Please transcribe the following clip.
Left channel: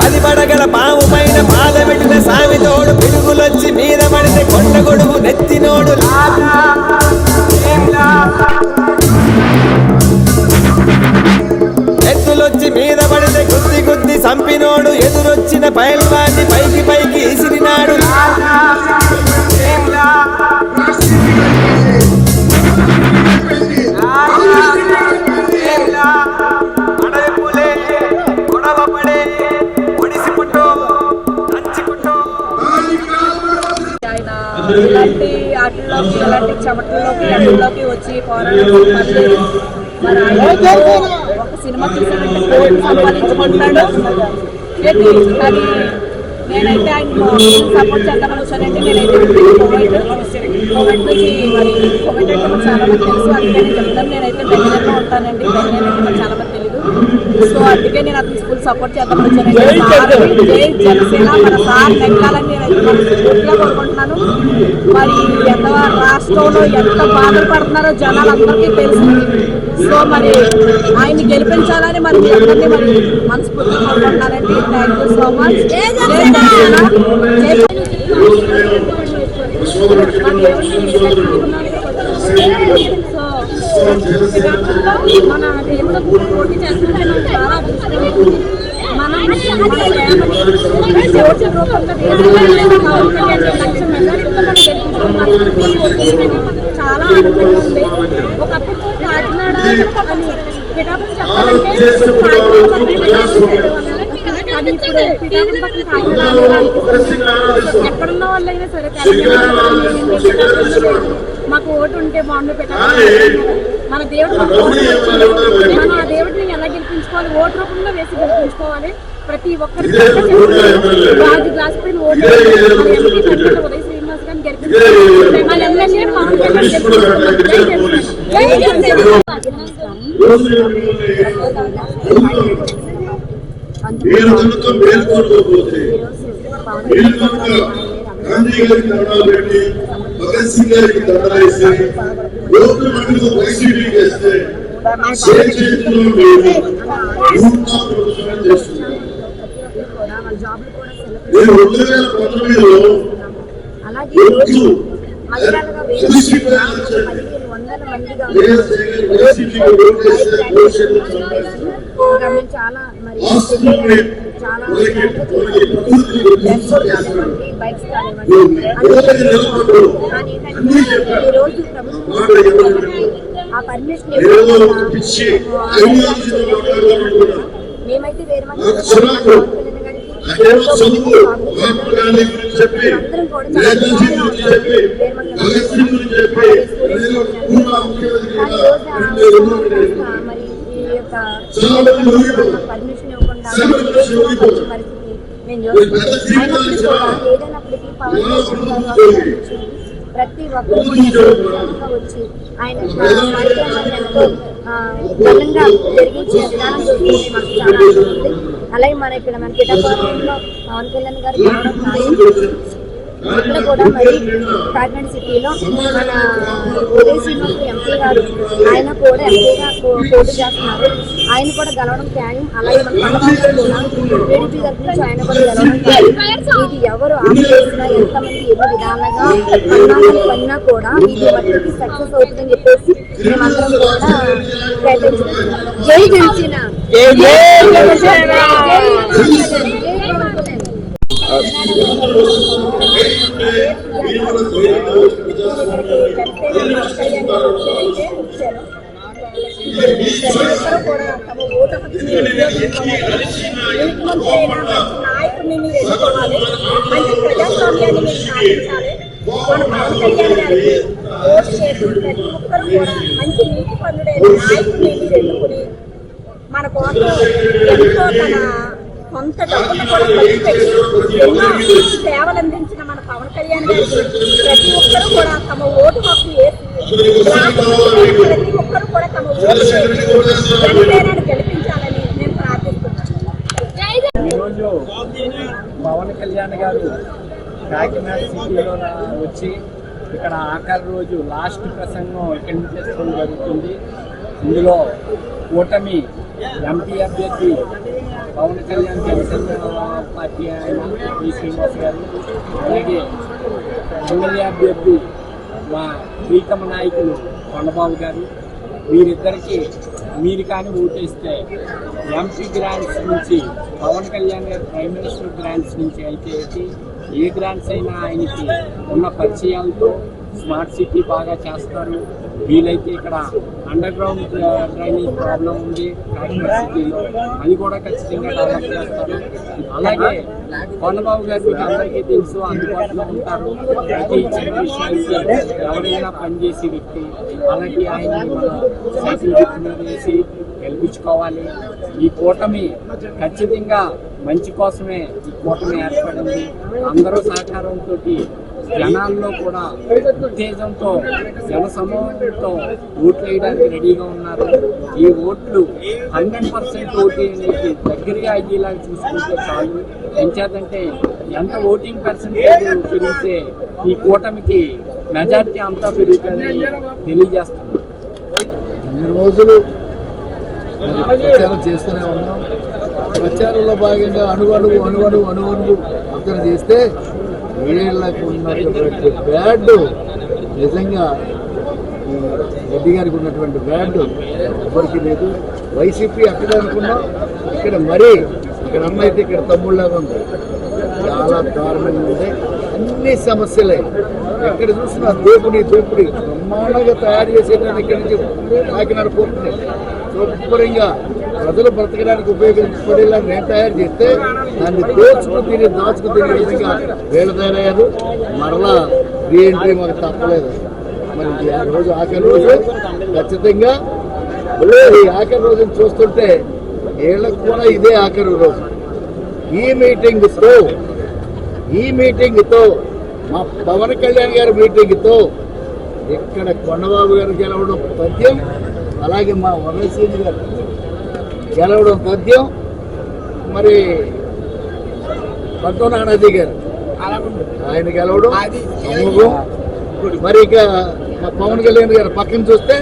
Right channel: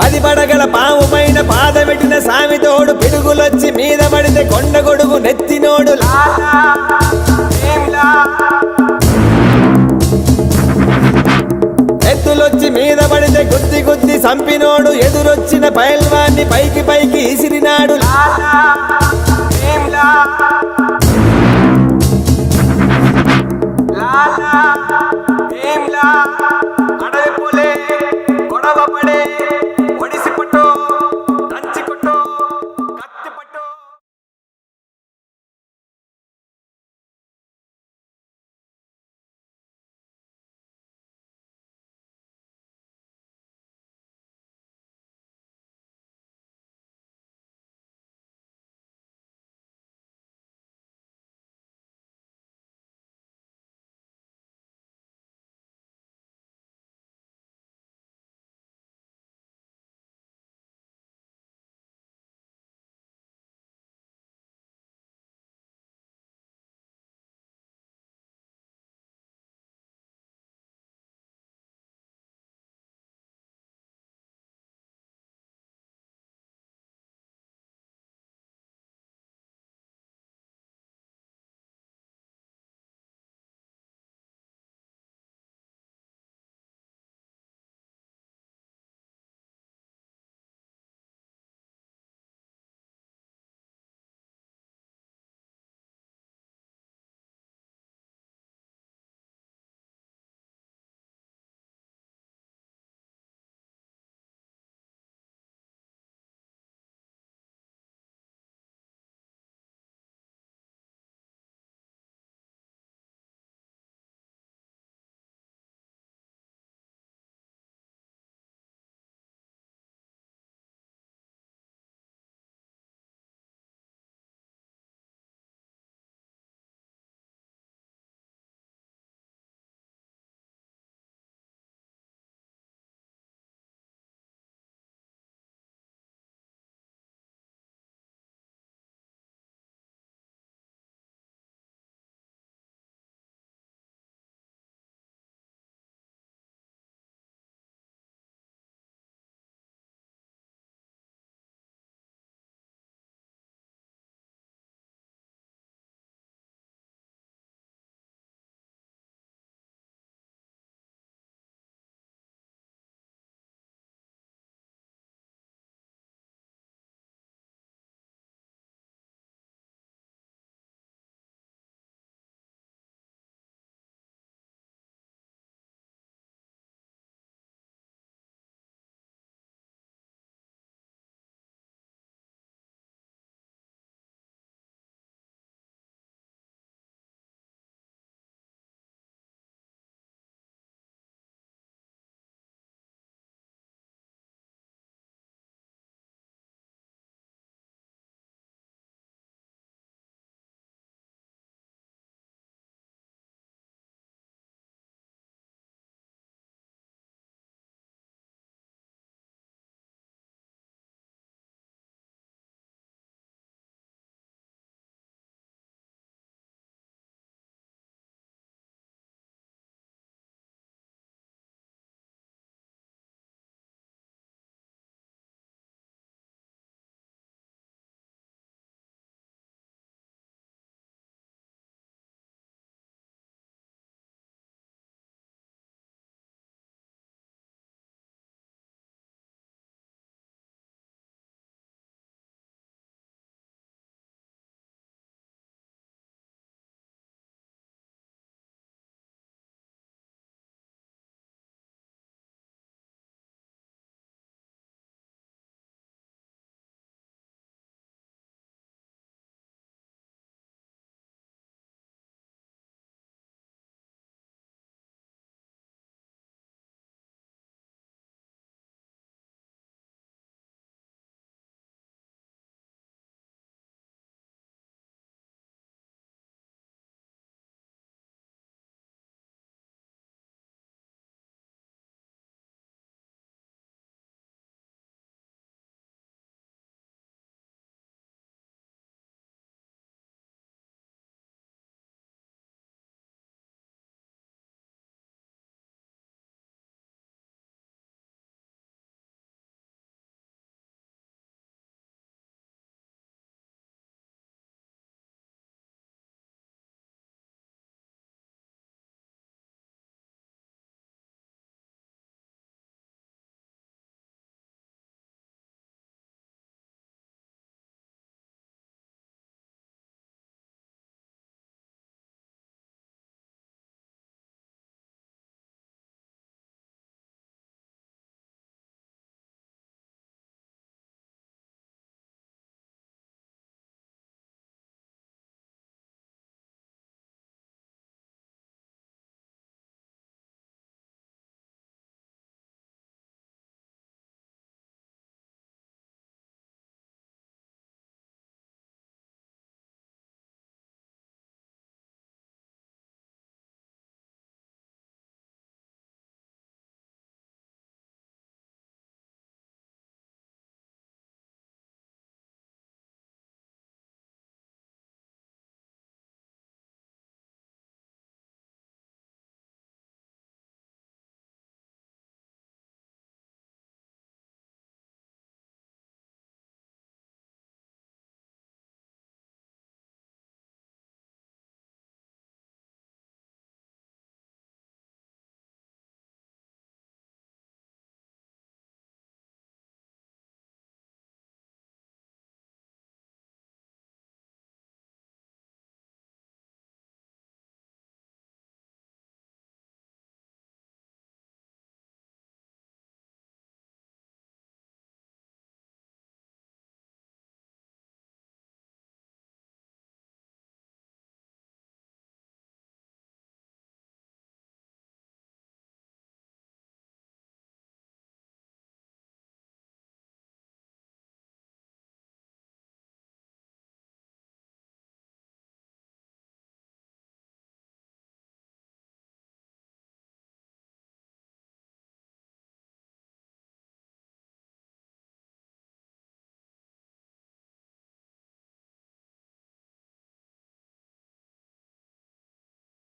పది పడగల పాము పైన పాదమెట్టిన సామితోడు పిడుగులొచ్చి మీద పడితే కొండ గొడుగు నెత్తినోడు ఎత్తులొచ్చి మీద పడితే గుద్ది గుద్ది సంపినోడు ఎదురొచ్చిన పైల్వాన్ని పైకి పైకి ఇసిరినాడు అడవి పులే గొడవ పడే ఒడిసి పుట్టు దంచి పుట్టు. ఆయన ఇలాంటి ఆటల్లోకి ఇలాంటి చెమటల్లోకి అడవుల్లోకి వచ్చి పోరాడారు. మరి ఆయన ఒక సినిమా తీసానంటే కోట్లు సంపాదించుకుంటున్నాడు. అది నేనైతే ఆయన సపోర్ట్ చేద్దామని వచ్చానంటే నేనైతే కోవిడ్ నుంచి మరి కోవిడ్ అంటే మాకు చాలా మంది తెలుసు, అందుకే నేను చెప్తాను. నేనైతే బెంగళూరులో ఉంటానండి, బెంగళూరు అంటే మాకు చాలా మంది తెలియదు. సో అందుకే నేను అతను ఫుల్ సపోర్ట్ చేద్దామని వచ్చానండి. జై జనసేన, మన సార్ నెగ్గాలని నేనైతే పూర్తిగా కోరుకుంటున్నాను. మరి ఎంత రాష్ట్రంలో ఎంత బాధలు పడుతున్నారో జనాలు అందరికీ తెలుసు. సో మరి ఆయన్ని గెలిపించాలని మరి మీ అందరినీ మరి మనస్ఫూర్తిగా కోరుకుంటున్నానండి. Thank you so much. మన దేవుడు పోటీ చేస్తున్నాడు. చాలా అదృష్టం. మనం దేవుడి రూపంలో చాలా ఆనందంగా ఉంది. ఒకప్పుడు కాకినాడ అని పిఠాపురం చెప్పాలంటే అది ఇప్పుడు పిఠాపురం పక్కన కాకినాడ ఎక్కడున్న వాళ్ళైనా సరే తెలంగాణ మాకు ఓటు ఉంటే బాగుండు పిఠాపురం. మన దేవుడు మనం ఆ దేవుడిని ఎలా గెలిపించుకోవాలి, ఓటు రూపంలో వేసి గెలిపించుకోవాలి. ప్రతి ఒక్కరికి గాజు గ్లాస్ పైన ఓటు ఉదయ శ్రీనివాస్ గారిని గెలిపించుకోవాలి. వాళ్ళ ఎమ్మెల్యే పవన్ కళ్యాణ్ గాంధీ గారికి దండాలు పెట్టి భగత్ సింగ్ గారికి దండాలు వేసి ఓట్లు మటుకు వైసీపీకి వేస్తే చేతిలో లేదు చేస్తున్నారు. నేను 2019లో చాలా మరి చాలా బైక్స్ ఈరోజు ఆ పర్మిషన్ మేమైతే వేరే పర్మిషన్ ఇవ్వకుండా పరిస్థితి నేను ఏదైనప్పటికీ పవన్ ప్రతి ఒక్కరు వచ్చి ఆయన ఎంతో బలంగా జరిగించే విధానం చూస్తుంది మాకు చాలా ఆనందం. అలాగే మన ఇక్కడ మన పిఠాపురంలో పవన్ కళ్యాణ్ గారు ఇక్కడ కూడా మరి కాకినాడ సిటీలో మన ఉదయ శ్రీనివాస్ ఎంపీ గారు ఆయన కూడా ఎంపీగా పోటీ చేస్తున్నారు. ఆయన కూడా గెలవడం ఖాయం. అలాగే మన పండుగ కూడా టీడీపీ తరఫు నుంచి ఆయన కూడా గెలవడం ఖాయం. ఇది ఎవరు ఆలోచించినా ఎంతమంది ఎన్ని విధాలుగా అన్నామని పన్నా కూడా ఇది మట్టికి సక్సెస్ అవుతుందని చెప్పేసి మేమందరం కూడా ప్రయత్నించాం. జై జనసేన. నాయకుడిని మీరు ఎన్నుకోవాలి, మంచి ప్రజాస్వామ్యాన్ని మీరు సాధించాలి. మన పవన్ కళ్యాణ్ గారికి ఓటు చేసి ప్రతి ఒక్కరు కూడా మంచి నీతి పనుడైన నాయకుడిని మీరు ఎన్నుకుని మన కోసం ఎంతో తన కొంత డబ్బును కూడా ఖర్చు పెట్టి ఎన్నో సేవలు అందించిన మన పవన్ కళ్యాణ్ గారికి ప్రతి ఒక్కరు కూడా తమ ఓటు హక్కు వేసి ప్రతి ఒక్కరు కూడా తమ ఓటు వేసి జనసేనని గెలిపించాలని నేను ప్రార్థిస్తున్నాను. ఈరోజు పవన్ కళ్యాణ్ గారు కాకినాడ సిటీలో వచ్చి ఇక్కడ ఆఖరి రోజు లాస్ట్ ప్రసంగం ఇక్కడి నుంచి చేసుకోవడం జరుగుతుంది. ఇందులో కూటమి ఎంపీ అభ్యర్థి పవన్ కళ్యాణ్ జనసేన పార్టీ ఆయన పి శ్రీనివాస్ గారు, అలాగే ఎమ్మెల్యే అభ్యర్థి మా ప్రీతమ నాయకులు కొండబాబు గారు, వీరిద్దరికి మీరు కానీ ఓటేస్తే ఎంపీ గ్రాంట్స్ నుంచి పవన్ కళ్యాణ్ గారు ప్రైమ్ మినిస్టర్ గ్రాంట్స్ నుంచి అయితే ఏ గ్రాంట్స్ అయినా ఆయనకి ఉన్న పరిచయాలతో స్మార్ట్ సిటీ బాగా చేస్తారు. వీలైతే ఇక్కడ అండర్ గ్రౌండ్ డ్రైనేజ్ ప్రాబ్లం ఉంది కాకినాడ సిటీలో, అది కూడా ఖచ్చితంగా డెవలప్ చేస్తారు. అలాగే కొండబాబు గారు మీకు అందరికీ తెలుసు, అందుబాటులో ఉంటారు. ప్రతి చిన్న విషయానికి ఎవరైనా పనిచేసే వ్యక్తి. అలాంటి ఆయన సైకిల్ గుర్తు మీద వేసి గెలిపించుకోవాలి. ఈ కూటమి ఖచ్చితంగా మంచి కోసమే ఈ కూటమి ఏర్పడింది. అందరూ సహకారంతో జనాల్లో కూడా ఉత్తేజంతో జనసమూహంతో ఓట్లు వేయడానికి రెడీగా ఉన్నారు. ఈ ఓట్లు 100% ఓటింగ్కి దగ్గరగా అయ్యేలాగా చూసుకుంటే చాలు. ఎంచేతంటే ఎంత ఓటింగ్ పర్సెంటేజ్ పెరిగితే ఈ కూటమికి మెజార్టీ అంతా పెరుగుతుందని తెలియజేస్తున్నారు. ఇన్ని రోజులు ప్రచారం చేస్తూనే ఉన్నాం. ప్రచారంలో భాగంగా అణువణువు అర్థం చేస్తే వీళ్ళకు ఉన్నటువంటి బ్యాడ్ నిజంగా రెడ్డి గారికి ఉన్నటువంటి బ్యాడ్ ఎవరికి లేదు. వైసీపీ అక్కడ అనుకున్నాం, ఇక్కడ మరీ ఇక్కడ అమ్మ అయితే ఇక్కడ తమ్ముళ్ళగా ఉంది. చాలా దారుణంగా ఉంది. అన్ని సమస్యలే ఎక్కడ చూసినా దోపిడీ బ్రహ్మాండంగా తయారు చేసేదాన్ని ఇక్కడి నుంచి కాకినాడ పోతుంది. శుభ్రంగా ప్రజలు బ్రతకడానికి ఉపయోగించుకునేలా నేను తయారు చేస్తే దాన్ని దాచుకు తినే విధంగా వీళ్ళు తయారయ్యారు. మరలా రీఎంట్రీ మాకు తప్పలేదు. మరి రోజు ఆఖరి రోజు ఖచ్చితంగా ఈ ఆఖరి రోజును చూస్తుంటే వీళ్ళకు కూడా ఇదే ఆఖరి రోజు. ఈ మీటింగ్తో మా పవన్ కళ్యాణ్ గారి మీటింగ్తో ఇక్కడ కొండబాబు గారు గెలవడం తథ్యం, అలాగే మా వరలసీని గారు గెలవడం తథ్యం, మరి పద్మనాభి గారు ఆయన గెలవడం అమోఘం. మరి ఇక మా పవన్ కళ్యాణ్ గారు పక్కన చూస్తే